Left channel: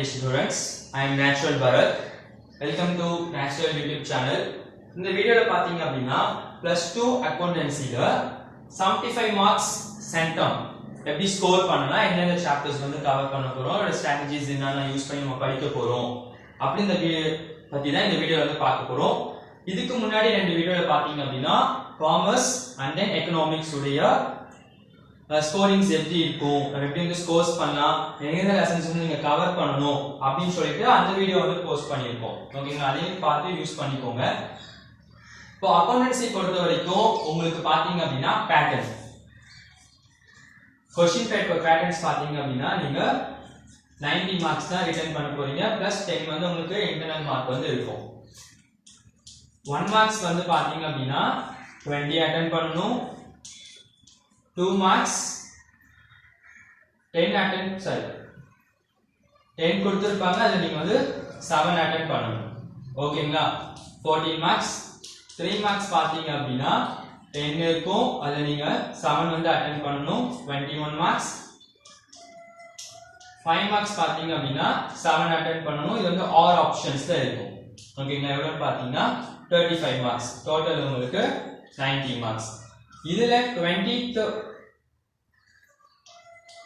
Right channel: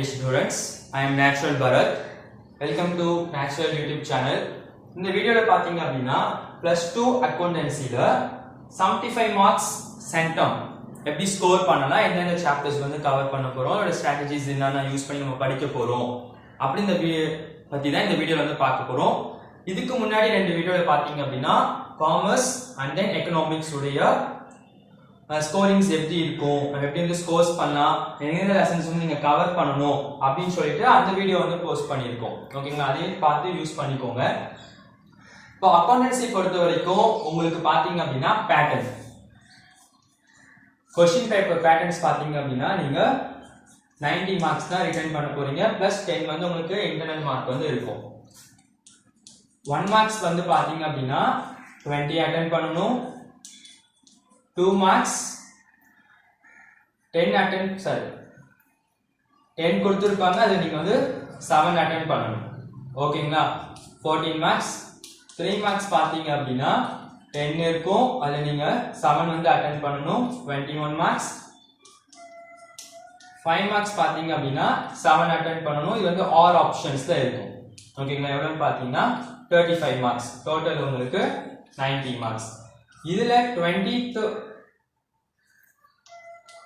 dear students. I am Natural Bharat. Welcome to Natural YouTube channel. In the video பாத்தீங்க அப்படினா plus 2 accountancyல 75 marks centum எப்படி score பண்ணலாம் என்னென்ன chapters வந்து cover பண்ண போறோம் அதோட ஸ்ட்ராட்டஜிஸ் என்னென்ன யூஸ் பண்ணி நம்ம படிக்க போறோம் அப்படி இந்த பத்தி தான் இந்த வீடியோல வந்து பார்க்க போறோம். இதுக்கு முன்னாடி ரெண்டு வீடியோல பாத்தீங்க அப்படினா காமர்ஸ் அண்ட் தென் எகனாமிக்ஸ் உடைய ஸ்கோரிங்ஸ் எப்படி இருக்கும் எப்படி வந்து ஸ்கோர்ஸ் பண்ணலாம் எந்தெந்த லெசன்ஸ் வந்து நீங்க கவர் பண்ணணும் அப்படின்னு சொல்லிட்டு அந்த வீடியோ வந்து போஸ்ட் பண்ணியிருக்கோம். ஓகேங்களா, அதையும் பார்த்து யூஸ் பண்ணிக்கோங்க. இப்போ அக்கௌண்டன்சி பொறுத்த வரைக்கும் உங்களுக்கு பாத்தீங்க அப்படின்னா பேட்டர்ன் क्वेश्चन பேப்பர் பேட்டர்ன்ஸ் பாத்தீங்க அப்படின்னா நீங்க 90 மார்க்ஸ் தான் ரிட்டர்ன் பண்ண போறீங்க பிளஸ் 10 வந்து உங்களுக்கு இன்டர்னல் மார்க் வந்து இருக்கும். 1 மார்க்ஸ் வந்து பாத்தீங்க அப்படின்னா 20 அட்டெண்ட் பண்ணனும். 2 marks 10 attempt 10 கொடுத்திருப்பாங்க அது நீங்க வந்து 7 attempt பண்ணணும். ஓகேங்களா, 14 marks 3 marks பாத்தீங்க அப்படினா 10 இருக்கும் அதுல நீங்க 7 வந்து attempt பண்ணணும். 21 marks 5 marks பாத்தீங்க அப்படினா 7 attempt பண்ணணும். இது வந்து ஆர் ஆப்ஷன்ஸ்ல இருக்கும். ஓகேங்களா, எவ்வளவு பாத்தீங்கன்னா 35 marks டோட்டல் உங்களுக்கு 90 marks. இதுல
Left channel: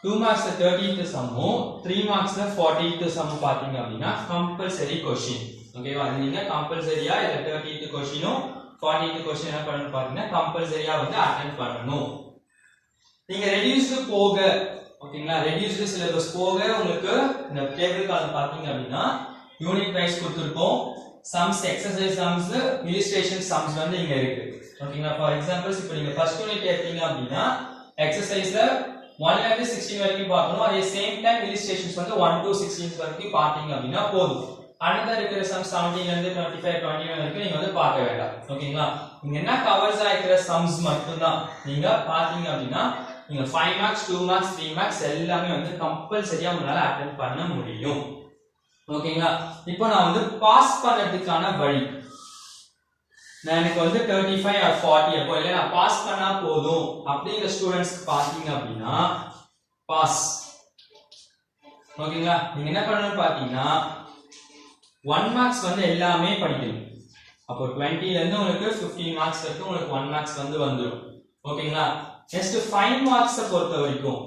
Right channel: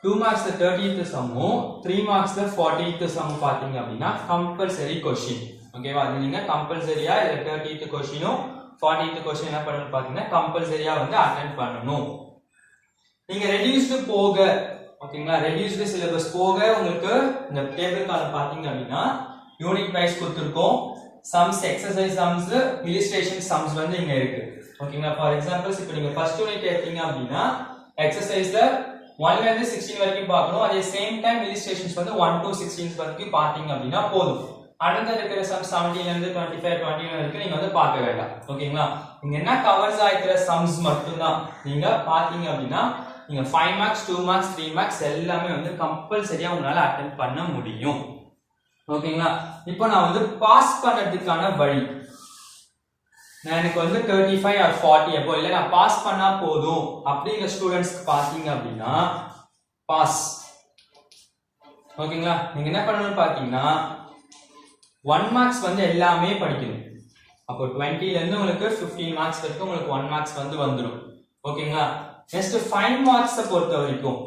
2 marks 30th சம்மும் 3 marks 40th some பாத்தீங்க அப்படினா கம்பல்சரி क्वेश्चन. ஓகேவா, இது நீங்க கம்பல்சரியா இந்த 30th क्वेश्चनும் 40th क्वेश्चन என்ன பண்ணனும் பாத்தீங்கன்னா கம்பல்சரியா வந்து அட்டெண்ட் பண்ணனும். நீங்க ரெடியூஸ்டு போக ஓகேங்களா, ரெடியூஸ்டு சிலபஸ் போக உங்களுக்கு இந்த டேபிள் கால் பாத்தீங்க அப்படினா யூனிட் வைஸ் கொடுத்திருக்கோம். Sums exercise sums illustration sums வந்து இங்க இருக்கு. ஓகேங்களா, ஃபார் எக்ஸாம்பிள்ஸ் இப்போ நீங்க ஃபர்ஸ்ட் யூனிட் எடுத்தீங்க அப்படினா எக்சர்சைஸ்ல 1 ல இருந்து 16 வரைக்கும் பார்க்கணும். அதே சேம் டைம் இல்லஸ்ட்ரேஷன்ஸ் வந்து 1 to 16 வரைக்கும் பாத்தீங்க அப்படினா போதும். அடுத்த இருக்கிற சம் 17 ல இருந்து 25 29 வரைக்கும் நீங்க வந்து பார்க்க வேண்டாம். ஓகேங்களா, இங்க என்ன கவர்ஸ் ஆயிக்கிற சம்ஸ் மட்டும் தான் நீங்க பாத்தீங்க அப்படினா நீங்க 5 மார்க்ஸ் 2 மார்க்ஸ் 3 மார்க்ஸ் எல்லாமே வந்து கம்பல்சரியா உங்களால அட்டெண்ட் பண்ண முடியும். ஓகேங்களா, இப்போ நான் வந்து பாஸ் பண்றதுக்கான வழி நான் எனக்கு வந்து 35 or 40 அப்போ இல்ல நான் பாஸ் பண்ணா போதும் அப்படிங்கிற ஸ்டூடண்ட்ஸ்க்கு பாத்தீங்க அப்படின்னா பாஸ். ஓகேங்களா, நீங்க என்ன பண்ணணும்னு பாத்தீங்கன்னா 1 மார்க்ஸ் வந்து எல்லாமே படிக்கணும். அப்போ 20 ல இருந்து உங்களுக்கு 15 மார்க்ஸ் வரைக்கும் உங்களுக்கு 1 மார்க்ஸ் வந்து வந்துரும். ஓகேங்களா, நெக்ஸ்ட் 5 மார்க்ஸ் பொறுத்த வரைக்கும்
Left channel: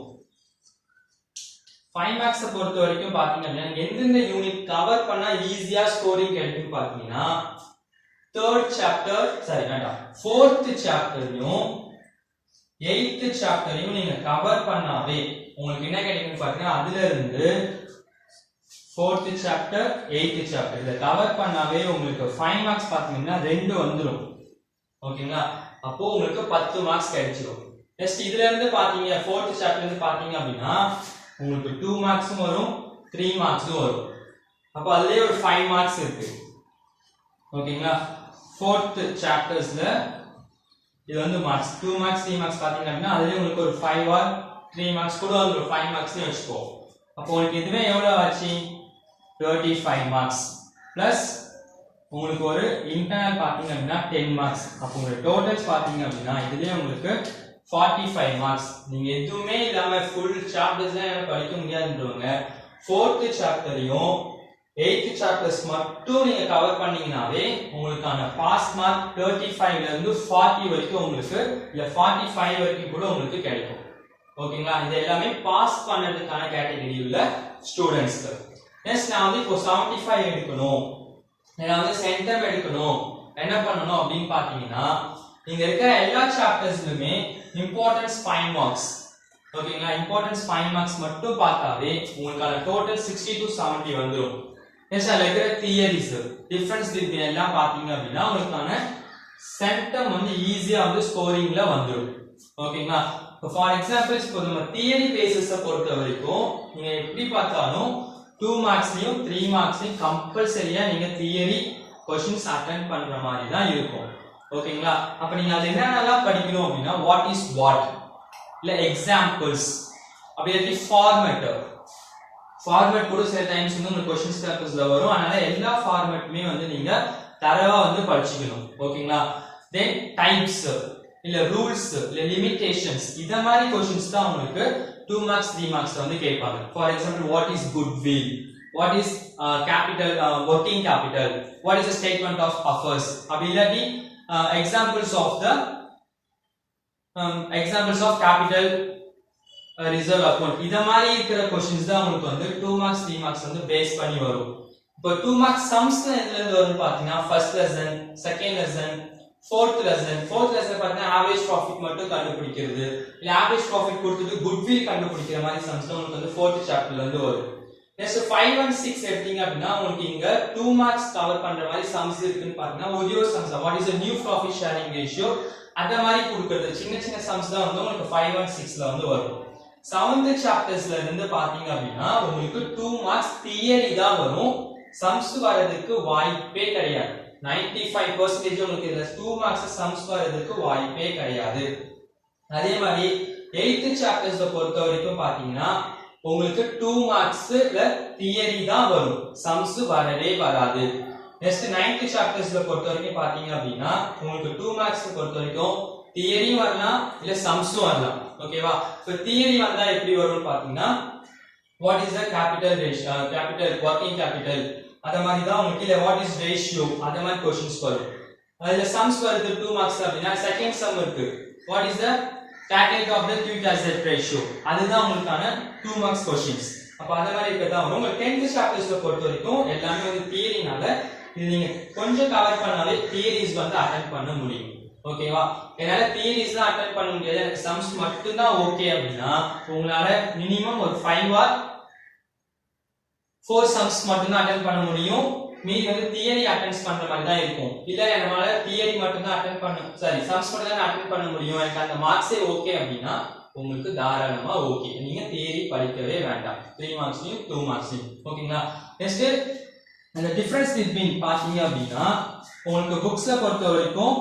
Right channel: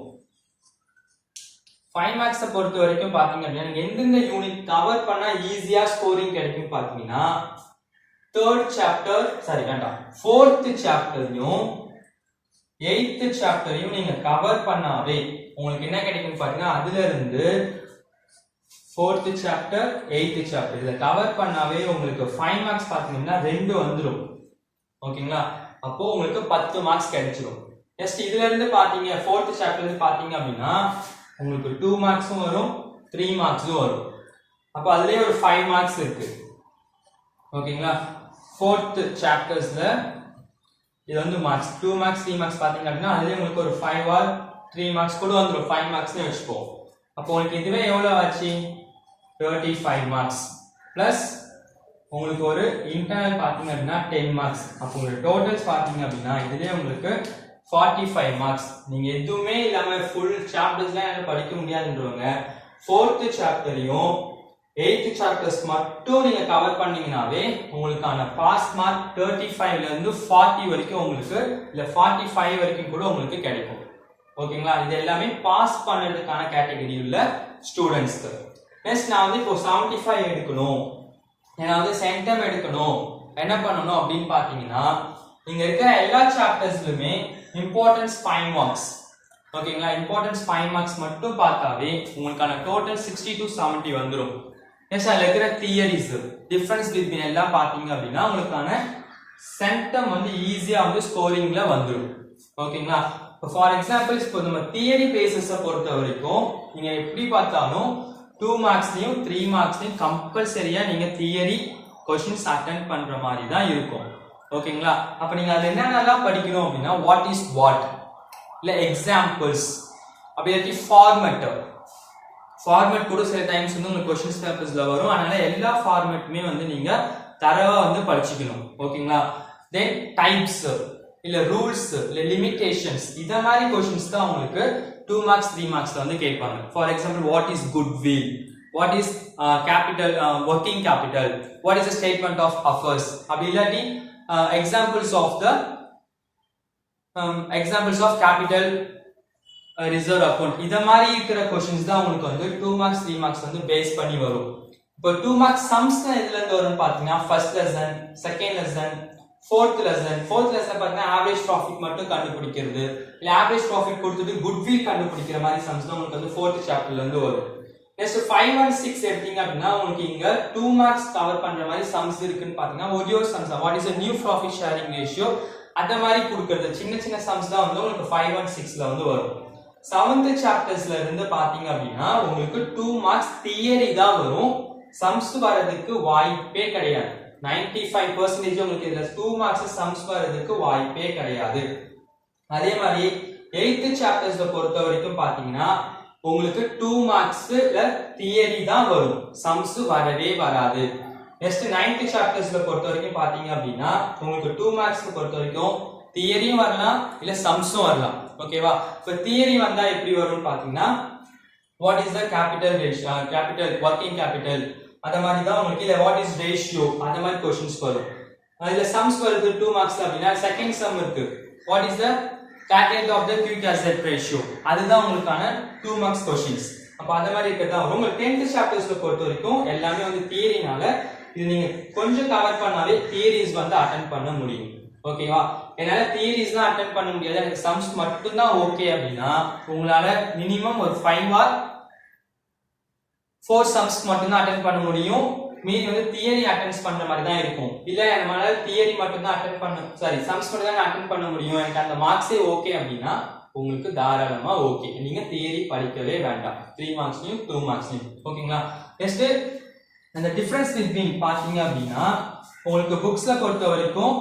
5 மார்க்ஸ் பொறுத்த வரைக்கும் பாத்தீங்க அப்படின்னா எந்தெந்த யூனிட் கவர் பண்ணா ஈஸியா ஸ்கோரிங் கிடைக்கும் பாத்தீங்கன்னா third chapter fourth chapterயும் 8th chapterயும் நீங்க கவர் பண்ணாவே உங்களுக்கு என்ன கிடைக்கும் பாத்தீங்கன்னா அதுல இருந்து 4th chapter 8th chapter இத கவர் பண்ணாவே உங்களுக்கு 5 மார்க்ஸ் பாத்தீங்கன்னா 2 வந்துரும். ஓகேங்களா, அப்போ உங்களுக்கு 10 மார்க்ஸ் கிடைச்சிரும். ஜஸ்ட் இதுல இருந்து பாத்தீங்க 4th chapter இருந்து பாத்தீங்க அப்படின்னா உங்களுக்கு 2 மார்க்ஸும் வரும் 3 மார்க்ஸும் வரும். அப்போ அதுலயே ஒரு 5 மார்க்ஸ் இருக்கு. ஓகேங்களா, 4th chaptersல இது வந்து மார்க்ஸ் 2 மார்க்ஸ் 3 மார்க்ஸ் பாத்தீங்க அப்படினா அதுலயே உங்களுக்கு ஒரு 5 or 3 மார்க்ஸ் கூட வந்துரும். 5 மார்க்ஸ்னு வெச்சுக்கோ. அப்போ உங்களுக்கு இதுவே எவ்வளவு ஆச்சு 35 மார்க்ஸ் பிளஸ் உங்களுக்கு ஒரு இன்டர்னல் பாத்தீங்க அப்படினா 10 மார்க்ஸ். அப்போ உங்களுக்கு டோட்டல்ஸ் பாத்தீங்க அப்படினா இதுலயே உங்களுக்கு 45 மார்க்ஸ். நீங்க எதுவுமே இல்லாம ஃபுல் சாப்டர்ஸ்லாம் படிக்க முடியாதுன்றவங்க 4th சாப்டரையும் 8th சாப்டர்ஸ் மட்டும் நீங்க கவர் பண்ணீங்கனாவே உங்களுக்கான பாஸ் மார்க் 35 ல இருந்து 40 வரைக்கும் உங்களுக்கு இல்ல 45 வரைக்கும் கூட உங்களுக்கு கிடைக்கும். ஓகேங்களா, இது எல்லாமே பாஸ் பண்றதுக்கான கேட்டகரி உள்ள ஸ்டூடண்ட்ஸ்க்கு. நெக்ஸ்ட் நான் வந்து இப்போ 75 எடுக்கணும் நான் வந்து சென்டம் எடுக்கணும் என்ன பண்ணணும் அப்படின்னு பாத்தீங்கன்னா நீங்க இருக்கிற எல்லா சாப்டர்ஸ்லயுமே இம்பார்ட்டன்ஸ் 5 மார்க்ஸ். ஓகேங்களா, இம்பார்ட்டன்ஸ் 5 மார்க்ஸ் மட்டும் பார்த்தாவே உங்களுக்கான டோட்டல் 60 to 70 வந்துரும். நெக்ஸ்ட் அதுல இருக்கிற தியரிஸ் டிஃபரன்ஸ் பிட்வீன் எல்லாம் பாத்தீங்க அப்படின்னா உங்களுக்கான சென்டம் வந்து ஈஸியா வந்து ஸ்கோரிங்ல வந்துரும். ஓகேங்களா, ஃபார் எக்ஸாம்பிள் இப்போ நம்ம தியரி பேசிஸ பொறுத்த வரைக்கும் நீங்க எப்படி பார்த்தாலும் 2 மார்க்ஸ்லயும் 3 மார்க்ஸ்லயும் கம்பல்சரியா நீங்க தியரி क्वेश्चंस அட்டெண்ட் பண்ற மாதிரி தான் இருக்கும். ஓகேங்களா, அப்ப நீங்க அது என்னென்னலாம் படிக்கணும் அப்படின்னா வாட் இஸ் வாட் இல்ல எக்ஸாம்பிள்ஸ் அப்படி இல்லாட்டி ஃபார்மேட் கூட சில டைம்ஸ் வந்து உங்களுக்கு क्वेश्चंस பேப்பர்ஸ்ல வரும். அதனால எல்லா ஃபார்மேட்டுமே வந்து நீங்க தரவா வந்து படிச்சுக்கணும். ஓகேங்களா, தென் டைப்ஸ் இல்ல ரூல்ஸ் இல்ல லிமிட்டேஷன்ஸ் இத மாதிரி क्वेश्चंस தான் உங்களுக்கு 2 marks 3 marks வந்து கேட்பாங்க. For example what is goodwill what is capital working capital, what is the statement of affairs அப்படி இல்லாட்டி examples of capital reserve account இத மாதிரி இருக்கிற क्वेश्चंस தான் உங்களுக்கு வந்து 2 marks 3 marks வந்து பேஸ் பண்ணி வரும். இப்போ 2 marks sums எதுல இருந்து வரும்னு பாத்தீங்கன்னா first lesson, second lesson, fourth lesson பாத்தீங்கன்னா average profit மட்டும் கண்டுபிடிக்கிறது இல்ல average profit கொடுத்துட்டு goodwill கண்டுபிடிக்கிற மாதிரி sums உங்களுக்கு வந்து 4th chapterல இருந்து வரும். நெக்ஸ்ட் 5 and 6 எடுத்தீங்க அப்படினா உங்களுக்கு இங்க 2 marks கவர் பண்ற மாதிரி sums இருக்குன்னு பாத்தீங்கன்னா ஒரே sums what is the new profit sharing ratio அத மாதிரி கொடுக்கிறது சின்ன சின்ன sums தான் வந்து உங்களுக்கு 5 and 6ல வந்து வரும். 7th chaptersல இருந்து பாத்தீங்க அப்படினா உங்களுக்கு 2 marks தியரி தான் வரும். sums வரதுக்கு வாய்ப்பே கிடையாது. 95% உங்களுக்கு இதுல 2 marks sums வரதுக்கு வாய்ப்பே கிடையாது. அதே மாதிரி 8th chaptersல பொறுத்த வரைக்கும் பாத்தீங்கன்னா உங்களுக்கு 2 marksல தியரி தான் வரும். sums வரவே வராது. நெக்ஸ்ட் 9th chaptersல பொறுத்த வரைக்கும் பாத்தீங்க அப்படினா உங்களுக்கு 2 marks பொறுத்த வரைக்கும் தியரி வரலாம் இல்ல sumsம் வரலாம். ஓகேவா? இப்போ தியரி வந்தா எப்படி வரும்னு பாத்தீங்கன்னா what is the capital ratio, capital working capital அத மாதிரி தான் உங்களுக்கு இல்ல what is ratio அத மாதிரி क्वेश्चंस வரும். அதுல sums வருது 2 marks அப்படினா செகண்ட் sum இருக்கு what is the calculate of the quick asset ratio அதுதான் உங்களுக்கான 2 marks questions. அப்ப அத மாதிரி இருக்கதா உங்க 10th chaptersல பொறுத்த வரைக்கும் எல்லாமே வந்து தியரினால இது நீங்க கொஞ்சம் கவர் பண்ணாலே தியரிஸ் வந்து அட்டெண்ட் பண்ண முடியும். ஓகேவா? என்னால தியரிஸ் தான் அட்டெண்ட் பண்ண முடியாது எனக்கு sums மட்டும் தான் ஓகே அப்படினா உங்களால மினிமம் ஒரு 5 or 4 sums மட்டும் தான் அட்டெண்ட் பண்ண முடியும். மீதி வந்து தியரி அட்டெண்ட் பண்ற மாதிரி தான் இருக்கும். இல்ல நம்மளால தியரி மட்டும் தான் அட்டெண்ட் பண்ண sums மட்டும் தான் அட்டெண்ட் பண்ண முடியும் எனக்கு அந்த மார்க்ஸே ஓகே அப்படினா உங்களுக்கு தாராளமா ஓகே. நீங்க தியரி படிக்கவே வேண்டாம். 3 மார்க்ஸ்லயும் 2 மார்க்ஸ்லயும். ஓகேங்களா? நெக்ஸ்ட் அந்த டிஃபரன்ஸ் பிட்வீன் பாத்தீங்க அப்படினா உங்களுக்கு புக்ஸ்ல பொறுத்த வரைக்கும்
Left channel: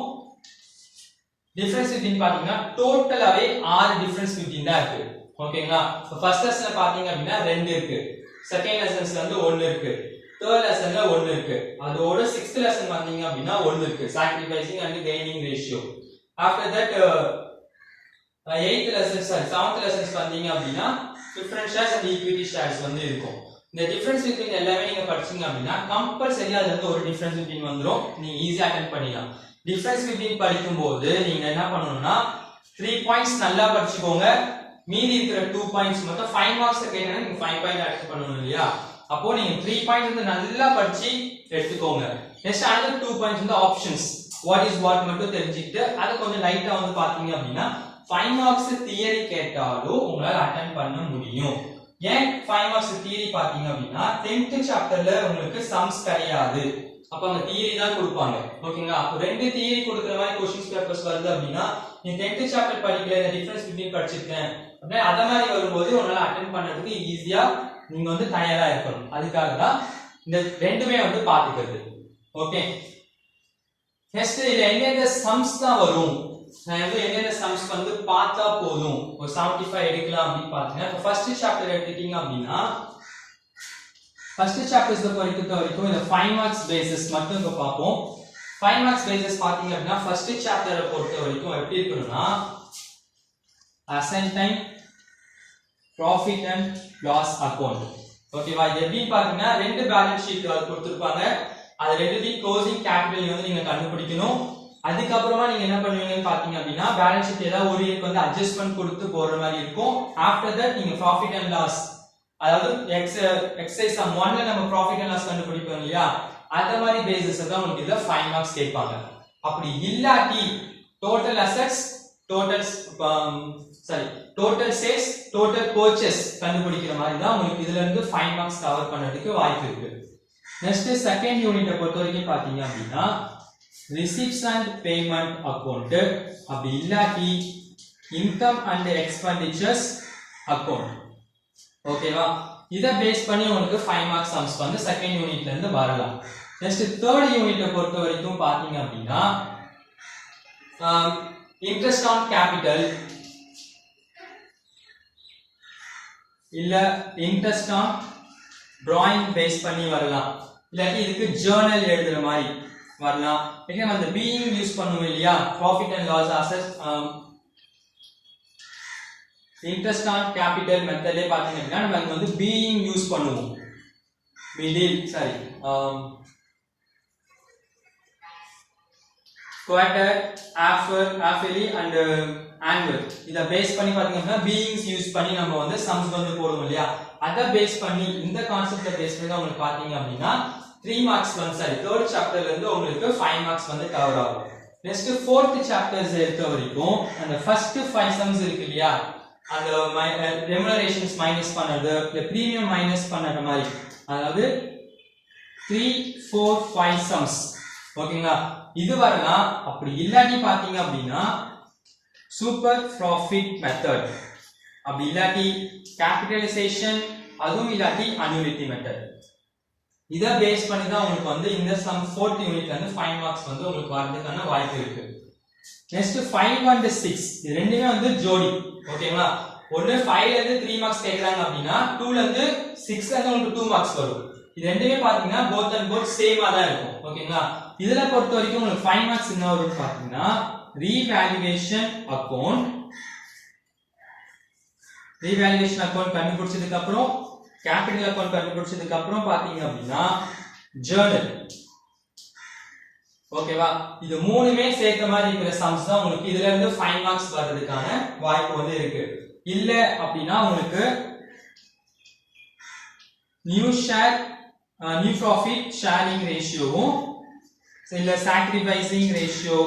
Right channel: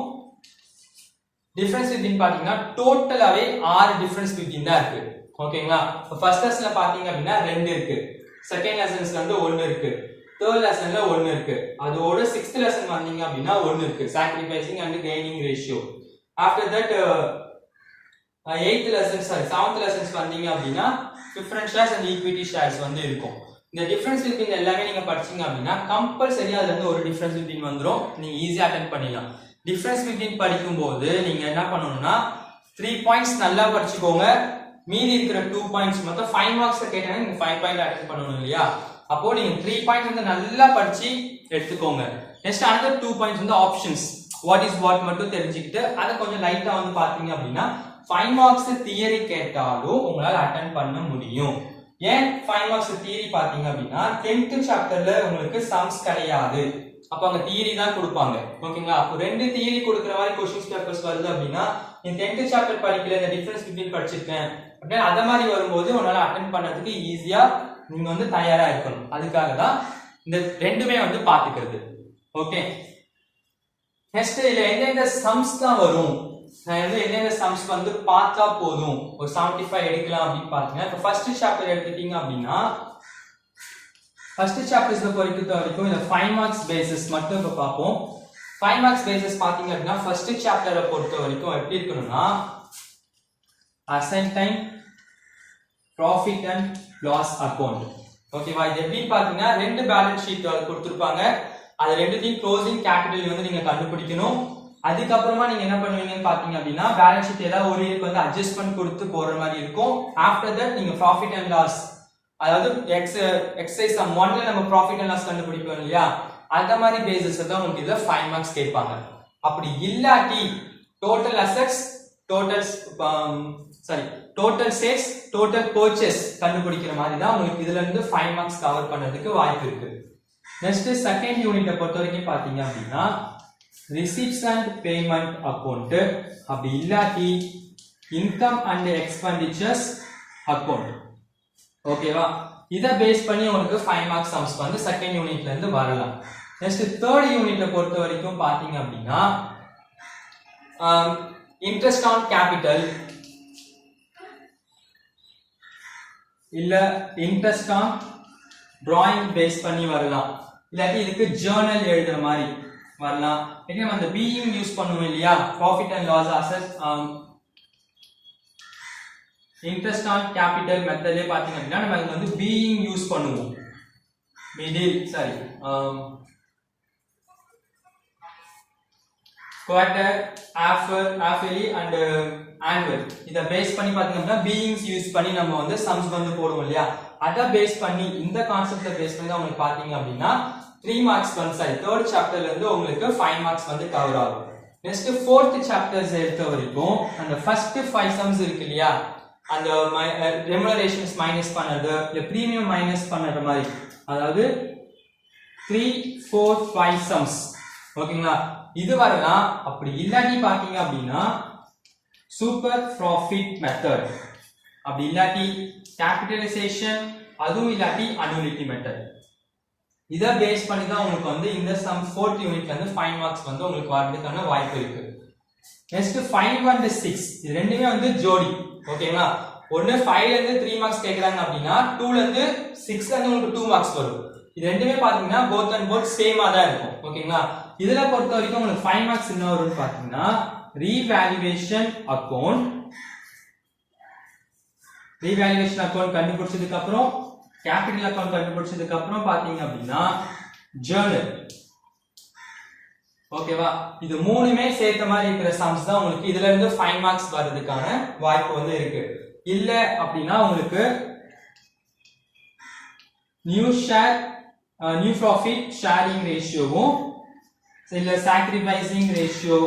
டிஃபரன்ஸ் பிட்வீன் பாத்தீங்கன்னா டோட்டலாவே 6 டிஃபரன்ஸ் பிட்வீன் தான் இருக்கு. ஓகேங்களா? ஃபர்ஸ்ட் லெசன்ல பாத்தீங்க அப்படினா 2 இருக்கு. செகண்ட் லெசன்ஸ்ல வந்து 1 இருக்கு. தேர்ட் லெசன்ல 1 இருக்கு. அதோட 6th லெசன் வந்தீங்க அப்படினா 1 இருக்கு. sacrificing and gaining ratio. after that 8th lesson 7th lessons வந்தீங்க அப்படினா preference shares and equity shares வந்து இருக்கும். இந்த டிஃபரன்ஸ் பிட்வீன் எல்லாமே நீங்க படிச்சீங்க அப்படினா கம்பல்சரி அதுல இருந்து ஒரு டிஃபரன்ஸ் பிட்வீன் வந்துரும். நீங்க ஈஸியா அட்டெண்ட் பண்ணிடலாம். டிஃபரன்ஸ் பிட்வீன் படிக்கும்போது நீங்க என்ன பண்ணனும்னா 3 பாயிண்ட்ஸ் நல்லா படிச்சுக்கோங்க. மீதி இருக்கிற 2 பாயிண்ட்ஸ் மட்டும் 5 மார்க்ஸ் கேட்டா நீங்க 5 பாயிண்ட் அட்டெண்ட் பண்ணனும் இல்லையா? அப்போ நீங்க 3 பாயிண்ட்ஸ் வந்து நல்லா படிச்சு எடுத்துக்கோங்க. நெக்ஸ்ட் அடுத்த 2 பாயிண்ட்ஸ் வந்து ஆப்ஷன்ஸ் வாட் இஸ் வாட் மட்டும் தெரிஞ்சிட்டு அத கொஞ்சம் லைட்டா வந்து பாத்தீங்க அப்படினா 5 மார்க்ஸ் தியரி கேட்டாலும் உங்களால அட்டெண்ட் பண்ண முடியும். ஏன் 5 மார்க்ஸ் தியரி பாத்தீங்க அப்படினா 10th சாப்டர்ல உங்களுக்கு சம்ஸ் கிடையாது. அப்ப அங்க தியரி தான் கொடுப்பாங்க. ஓகேங்களா? அப்ப ரெண்டு தியரி கொடுக்கிற மாதிரி क्वेश्चंस பேப்பர்ஸ் வருது அப்படினா நீ 10th சாப்டர் படிக்கல இந்த டிஃபரன்ஸ் பிட்வீன் படிச்சிருக்கேன் அப்படியே அத மாதிரி வரும்போது உங்களால அட்டெண்ட் பண்ணதுக்கு ஈஸியா நீங்க வந்து தயாரா இருக்கணும். அதுக்காக தான் இந்த ரெண்டுமே வந்து பாத்துக்கிறது. ஓகே? நெக்ஸ்ட் இதுல எந்தெந்த சம்ஸ் தான் வரும் நான் வந்து எந்தெந்த சம்ஸ் வந்து பார்த்தா போதும் ஒரு 75 எடுக்கலாம் அப்படின்னு பாத்தீங்கன்னா இப்போ ஃபர்ஸ்ட் சாப்டர் எடுத்துட்டீங்க அப்படின்னா ஃபர்ஸ்ட் சாப்டர்ஸ்ல பொறுத்த வரைக்கும் இந்த 5 மார்க்ஸ் பேசிஸ் மட்டும் இப்ப பார்ப்போம். 5 மார்க்ஸ் பேசிஸ் பாத்தீங்க அப்படின்னா ஃபர்ஸ்ட் சாப்டரை பொறுத்த வரைக்கும் எப்படி இருக்குன்னா asset time profit and loss account. ஓகேவா? இது எப்படி பாத்தீங்கன்னா ரெண்டு பேலன்ஸ் ஷீட் கொடுத்திருப்பாங்க. அது ரெண்டுத்தையும் க்ளோசிங் கேபிட்டல் வந்து நீங்க கண்டுபிடிக்கணும். அதுக்கப்புறமா நீங்க என்ன பண்ணுவீங்கன்னு பாத்தீங்க அப்படின்னா பேலன்ஸ் ஷீட் ஏதாவது ஒரு இயருக்கு வந்து அட்ஜஸ்ட்மென்ட் கொடுத்து போடுற மாதிரி இருக்கும். ஆஃப்டர் தட் நீங்க ப்ராஃபிட் அண்ட் லாஸ் அதாவது எக்ஸசைஸ் சம் 1ல நம்ம ப்ராஃபிட் அண்ட் லாஸ் கண்டுபிடிப்போம் இல்லையா? அந்த மாதிரி பேசிஸ் தான் உங்களுக்கு இதுல 5 மார்க்ஸ் கேட்பாங்க. அப்படி இல்லாட்டி total assets total sales total purchase கண்டுபிடிக்கிற மாதிரி தான் உங்களுக்கு இதுல இருந்து 5 மார்க்ஸ் கவர் பண்றதுக்கு வாய்ப்பு இருக்கு. நெக்ஸ்ட் செகண்ட் யூனிட்டை பொறுத்த வரைக்கும் பாத்தீங்க அப்படின்னா receipts and payment account அப்படி இல்லாட்டி income and expenditures account. ஓகேவா? இத பேஸ் பண்ணி உங்களுக்கு 5 மார்க்ஸ் சம்ஸ் வந்து செகண்ட் யூனிட்ல இருந்து வரலாம். நெக்ஸ்ட் தேர்ட் யூனிட்டை பொறுத்த வரைக்கும் பாத்தீங்க அப்படின்னா இன்ட்ரெஸ்ட் ஆன் கேபிட்டல் இல்ல இன்ட்ரெஸ்ட் ஆன் டிராயிங் பேஸ் பண்ணி வரலாம். இல்லாட்டி இதுக்கு ஜர்னல் எழுதுற மாதிரி வரலாம். ஓகே அந்த பீயிங் யூஸ் பண்ணுவோம் இல்லையா? Profit and loss asset interest on capital மெத்தட்ல பாத்தீங்கன்னா நம்ம இங்க வந்து பீயிங் யூஸ் பண்ணுவோம். middle, sorry, quarter, half-yearly and annual. இத பேஸ் பண்ணி பாத்தீங்கன்னா beings யூஸ் பண்ணி நம்ம வந்து sums வந்து போடுவோம் இல்லையா, அத பேஸ் பண்ணி இந்த கான்செப்ட பேஸ் பண்ணி உங்களுக்கு பாத்தீங்க அப்படினா 3 மார்க்ஸ் வந்து சரி third சாப்டர்ல இருந்து உங்களுக்கு 5 மார்க்ஸ் வந்து கவர் ஆகும். நெக்ஸ்ட் fourth சாப்டர்ஸ் எடுத்த வரைக்கும் அந்த ஃபர்ஸ்ட் 5 sums இருக்கு இல்லையா, அந்த remunerations மைனஸ் பண்றது இல்ல பிரீமியம் மைனஸ் பண்ற மாதிரி, அதாவது 3 4 5 sums. ஓகேங்களா, இது வரலாம். அப்படி இல்லாட்டி பாத்தீங்க அப்படின்னா சூப்பர் ப்ராஃபிட் மெத்தட், அப்படி இல்லாட்டி கேபிட்டலைசேஷன், அதுவும் இல்லாட்டி அனுலிட்டி மெத்தட். இத பேஸ் பண்ணி தான் உங்களுக்கு வந்து இந்த சம் 4th யூனிட்ல இருந்து 5 மார்க்ஸ் வந்து உங்களுக்கு வரதுக்கான வாய்ப்பு இருக்கு. நெக்ஸ்ட் 5 and 6 இது ரெண்டுமே வந்து ஜோடி. ஓகேங்களா, ஒன்னு 5 ல இருந்து 3 மார்க்ஸ் கேக்குறாங்க அப்படினா 2 ல இருந்து 6 ல இருந்து உங்களுக்கு 2 மார்க்ஸ் வரும். இது ரெண்டுமே பாத்தீங்கன்னா both and both சேமா தான் இருக்கும். ஓகேங்களா, இதுல பொறுத்த வரைக்கும் உங்களுக்கு 5 மார்க்ஸ் என்ன வரும்னு பாத்தீங்கன்னா ரீவேல்யூவேஷன் அக்கவுண்ட். ரீவேல்யூவேஷன் அக்கவுண்ட் கண்டுபிடிச்சதுக்கு அப்புறம் கேபிட்டல் அக்கவுண்ட் கண்டுபிடிச்சதுக்கு அப்புறம் பாத்தீங்க அப்படின்னா ஜர்னல். ஓகேவா, இது மூணுமே சேர்த்த மாதிரி இருக்கிற சம்ஸ் தான் உங்களுக்கு இதுல இருந்து 5 மார்க்ஸ் வரதுக்கான வாய்ப்பு வந்து இருக்கு. இல்ல அப்படின்னா உங்களுக்கு new share new profit sharing ரேஷியோவும் இல்ல சாக்ரிஃபைசிங் ரேஷியோ,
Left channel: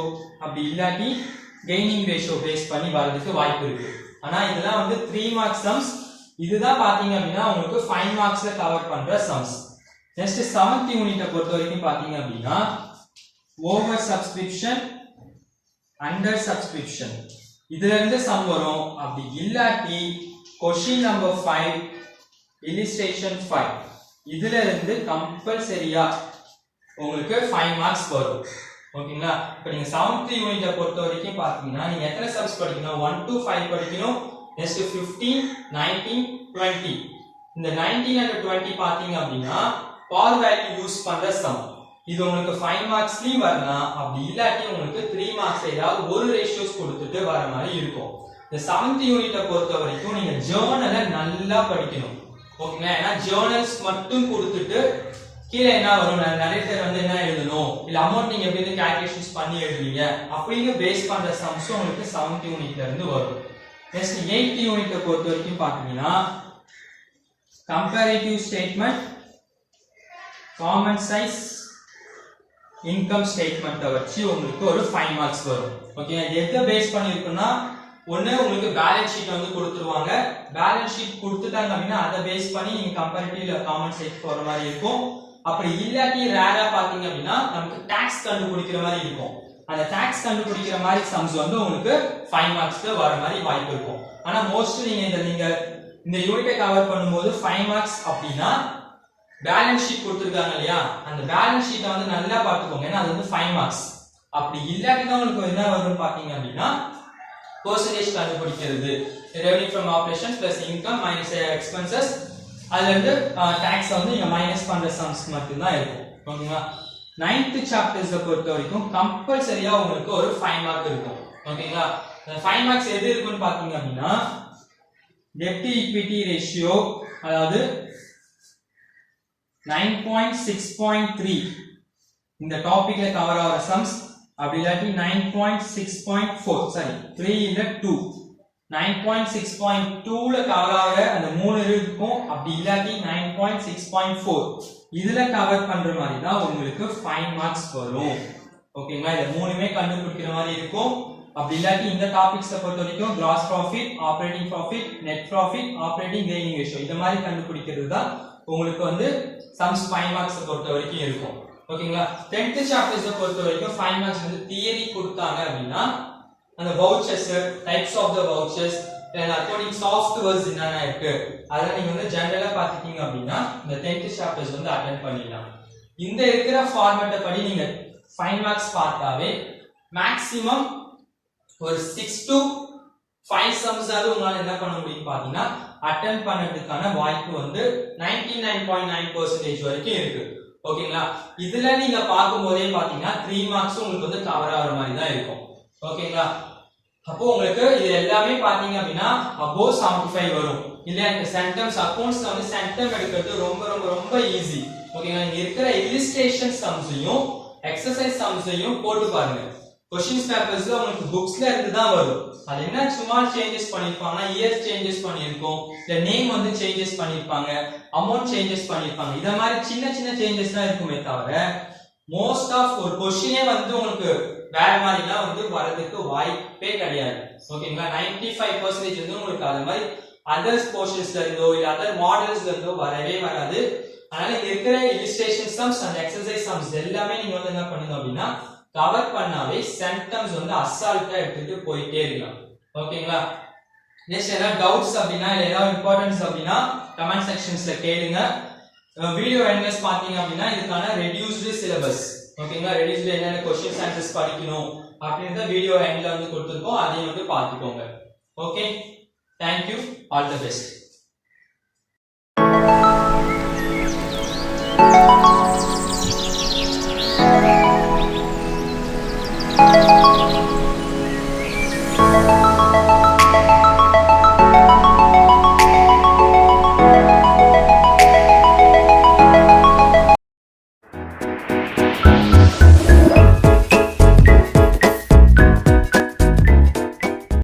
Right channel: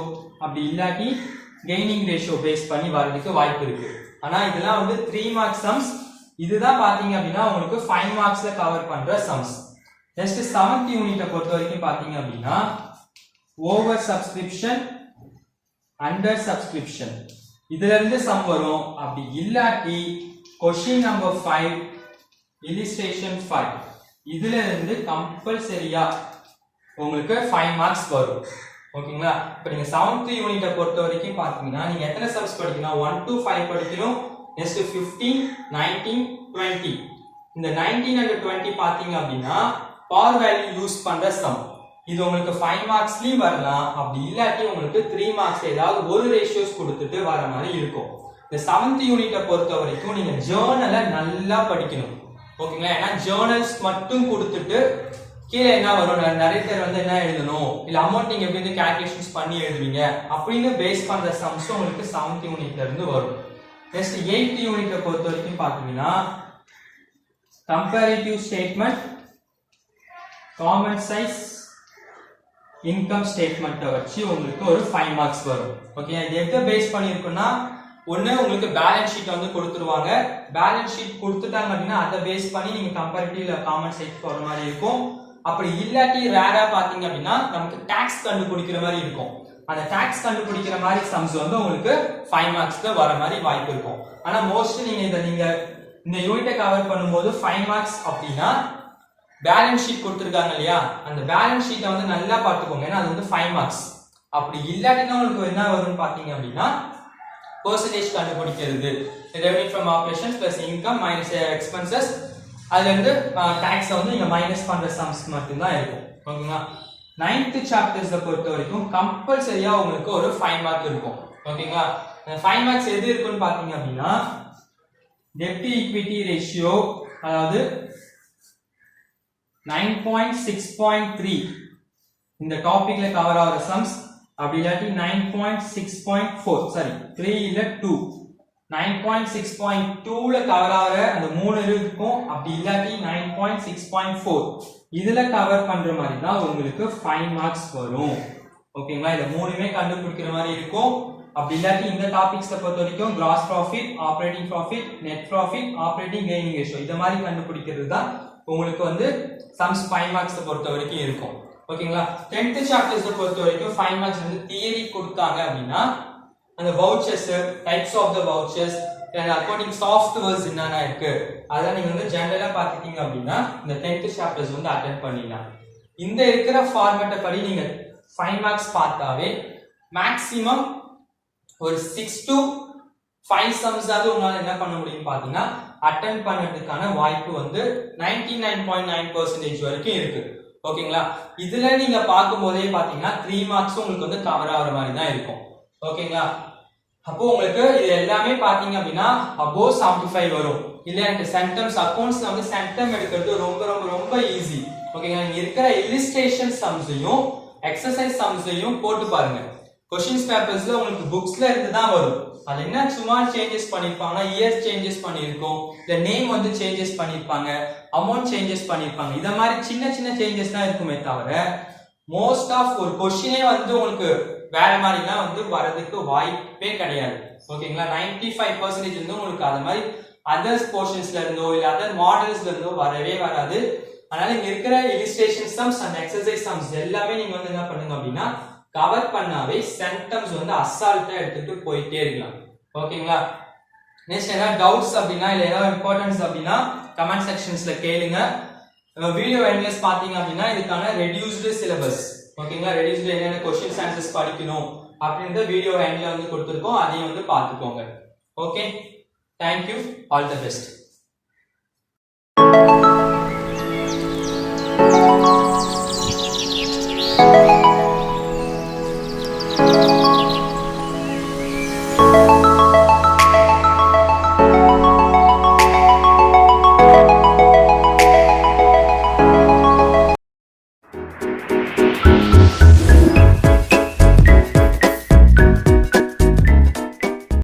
அப்படி இல்லாட்டி கெய்னிங் ரேஷியோ பேஸ் பண்ணி வரதுக்கு வாய்ப்பு இருக்கு. ஆனா இதெல்லாம் வந்து 3 மார்க்ஸ் சம்ஸ். இதுதான் பாத்தீங்க அப்படின்னா உங்களுக்கு 5 மார்க்ஸ்ல கவர் பண்ற சம்ஸ். நெக்ஸ்ட் 7th யூனிட்ட பொறுத்த வரைக்கும் பாத்தீங்க அப்படின்னா ஓவர் சப்ஸ்கிரிப்ஷன், அண்டர் சப்ஸ்கிரிப்ஷன், இதுல இருந்து சம் வரும். அப்படி இல்லாட்டி क्वेश्चन நம்பர் 5 illustration 5 இதுல இருந்து கம்பல்சரியா உங்களுக்கு 5 மார்க்ஸ் வரும். ஓகேங்களா, இப்போ நீங்க 7th யூனிட்ட பொறுத்த வரைக்கும் பாத்தீங்கன்னா நீங்க எத்தனை சம்ஸ் படிக்கணும், 1 to 5 படிக்கணும். நெக்ஸ்ட் 15 19 20, இந்த 19 and 20 பாத்தீங்க அப்படின்னா பவர் வேல்யூ யூஸ் பண்ற சம். இது உங்களுக்கு 5 மார்க்ஸ்லயும் வரலாம். அப்படி இல்லாட்டி உங்களுக்கு 3 மார்க்ஸ் ஏதாவது ஒரு ரேஷியோஸ் கொடுத்துட்டு வர மாதிரி இருக்கும். இந்த 7th யூனிட்ட பொறுத்த வரைக்கும் நீங்க ஜர்னலை நல்லா படிக்கணும். ஓகேங்களா, ஏன்னா ஜர்னல்ஸ் மட்டும் கொடுத்துட்டு கீழே என்ன வரும், நிறைய பேர் வந்து என்ன எழுதணும், இல்ல அமௌண்ட் நீங்க எப்படி கால்குலேஷன்ஸ் பண்ணி எழுதுவீங்க அப்படின்னு பேஸ் பண்ற சம்ஸ் உங்களுக்கு 7th யூனிட்ல இருந்து வரும். நெக்ஸ்ட் 8th யூனிட்ட பொறுத்த வரைக்கும் பாத்தீங்கன்னா comparative statement, common size, income statement வச்சு உங்களுக்கு ஒரு 5 மார்க்ஸ் வரும். ஓகே, எதை பேஸ் பண்ணி இருக்குன்னா ஒண்ணு உங்களுக்கு பேலன்ஸ் ஷீட் வந்து கொடுத்துருவாங்க. பேலன்ஸ் ஷீட் கொடுத்துட்டாங்க அப்படின்னா அதை பேஸ் பண்ணி நீங்க கம்பேரிட்டிவ் இல்ல காமன் சைஸ் போற மாதிரி இருக்கும். அப்படி இல்லாட்டி ரேரா பாத்தீங்க அப்படின்னா நமக்கு டாக்ஸ் கண்டுபிடிக்கிற மாதிரி இருக்கும். அந்த டாக்ஸ் கண்டுபிடிக்கிற மாதிரி சம்ஸ் வந்து உங்களுக்கு 5 மார்க்ஸ்ல வர மாதிரி வாய்ப்பு இருக்கும். ஆனா மோஸ்ட் நீங்க இந்த யூனிட்டை கவர் பண்ணும்போது 5 மார்க்ஸ் அப்படின்னா பேலன்ஸ் ஷீட் கொடுத்துருக்காங்க இல்லையா, அந்த பேலன்ஸ் ஷீட்டை வந்து நல்லா பார்த்துக்கோங்க, ஏன்னா அது வந்து 5 மார்க்ஸ். அப்படி இல்லாட்டினா உங்களுக்கு என்ன வரும்னு பாத்தீங்க அப்படின்னா பெர்சன்டேஜ் கண்டுபிடிக்கிறது, revenue from operations plus income minus expenses, அதுல இருந்து டாக்ஸ் வந்து நீங்க மைனஸ் பண்ற சம்ஸ் மட்டும் தான் இருக்கும். ஓகேங்களா, 9th சாப்டர்ஸ் பொறுத்த வரைக்கும் கம்பல்சரியா உங்களுக்கு ஒரு 5 மார்க் இருக்கும். ஓகேங்களா, 5 மார்க்ஸ் எது இருக்குன்னு பாத்தீங்க அப்படின்னா டெப்ட் ஈக்விட்டி ரேஷியோ, அதாவது 9.6.3 இந்த டாபிக்ல கவர் ஆகிற சம்ஸ். அப்படி இல்லாட்டி 9.6.4 சாரி 3 இல்ல 2 9.6.2ல கவர் ஆகிற அந்த 3 இருக்கும். அப்படி இல்லாட்டி 9.6.4 இதுல கவர் பண்ற மாதிரி தான் உங்களுக்கு 5 மார்க்ஸ் வரும். ஓகேங்களா, இத மூணுமே கண்டுபிடிக்கிற மாதிரி இருக்கும். அப்படி இல்லாட்டி இந்த டாபிக்ஸை பொறுத்த வரைக்கும் gross profit, operating profit, net profit, operating gaining ratio இத மாதிரி கண்டுபிடிக்கிறது தான் உங்களுக்கு வந்து சம்ஸ் 5 மார்க்ஸ் பொறுத்த வரைக்கும் இருக்கும். ஓகேங்களா, 10th சாப்டர்ஸ் பொறுத்த வரைக்கும் 5 மார்க்ஸ் வந்து தியரி கொடுத்தாங்க அப்படின்னா அந்த vouchers, types of the vouchers, accounting softwares என்னென்ன இருக்கு அதெல்லாம் நீங்க வந்து ஜெனரலா பாத்துட்டீங்க அப்படின்னா இந்த 10th சாப்டர்ஸ் வந்து அட்டெண்ட் பண்ணிடலாம். இந்த இருக்கிற ஃபார்மேட்டை படி நீங்க 5 மார்க்ஸ் பார்த்தாவே மேக்ஸிமம் ஒரு 6 to 5 சம்ஸ் ஆவது உங்களால என்ன பண்ண முடியும் பாத்தீங்கன்னா அட்டெண்ட் பண்ணதுக்கான வாய்ப்பு வந்து 99.9% வரைக்கும் இருக்கு. ஓகேங்களா, இதுல நீங்க பார்க்கும்போதே பாத்தீங்கன்னா 3 மார்க்ஸ் உங்களுக்கு வந்து கவர் ஆகிற மாதிரி தான் இருக்கும். ஓகேங்களா, அப்போ உங்களுக்கு இது எல்லாமே பாத்தீங்க அப்படின்னா above 75 வரும். இல்ல இந்த சென்டம்ஸ் அக்கவுண்ட்ஸ்ல வந்து சென்டம் எடுக்கிறது ரொம்ப ரொம்ப ரொம்ப ஈஸி. ஓகேங்களா இங்க இருக்கிற இல்லஸ்ட்ரேஷன் சம்ஸையும் எக்ஸசைஸ் சம்ஸையும் போட்டு பாருங்க क्वेश्चंस பேப்பர்ஸ்ல உங்களுக்கு புக்ஸ்ல இருந்து தான் வரும் அது என்ன சும்மா சேஞ்சஸ் பண்ணிருப்பாங்க இயர்ஸ் சேஞ்சஸ் பண்ணிருக்கோம் இல்ல நேம் வந்து சேஞ்சஸ் பண்ணிருப்பாங்க அமௌண்ட் சேஞ்சஸ் பண்ணிருப்பாங்க இத மாதிரி சின்ன சின்ன சேஞ்சஸ் தான் இருக்குமே தவிர மோஸ்ட் ஆஃப் ஒரு क्वेश्चनே வந்து உங்களுக்கு வேற மாதிரிலாம் வந்து வரதுக்கு வாய்ப்பே கிடையாது ஓகேங்களா 95% வந்து உங்களுக்கு அது மாதிரி அதர்ஸ் போர்ஷன்ஸ்ல இருந்தோ இல்ல அதர் மாடல்ஸ்ல இருந்தோ வரவே வராது அதனால இங்க இருக்கிற illustration sums and exercise sums எல்லாமே நீங்க வந்து என்ன பண்ணுங்க அப்படினா கவர் பண்ணாவே சென்டென்ஸ் வந்து அசால்ட்டா எடுத்துட்டு போயிட்டே இருக்கலாம் ஓகேங்களா நெக்ஸ்ட் என்ன டவுட்ஸ் அப்படினா இல்ல ஏதாவது இம்பார்ட்டன்ஸ் அப்படினா கமெண்ட் செக்ஷன்ஸ்ல கேளுங்க வீடியோ எண்ட்லெஸ் பாத்தீங்க அப்படினா இதுக்கான ரெடியூஸ்டு சிலபஸ் ஓகேங்களா ரெடியூஸ்டு என்னென்ன क्वेश्चंस ஆன்சர்ஸ் படிக்கணும் அப்படிங்கற வீடியோ எண்ட்ல வந்து கொடுத்திருக்கோம் அதையும் வந்து பாத்துக்கோங்க okay thank you all the best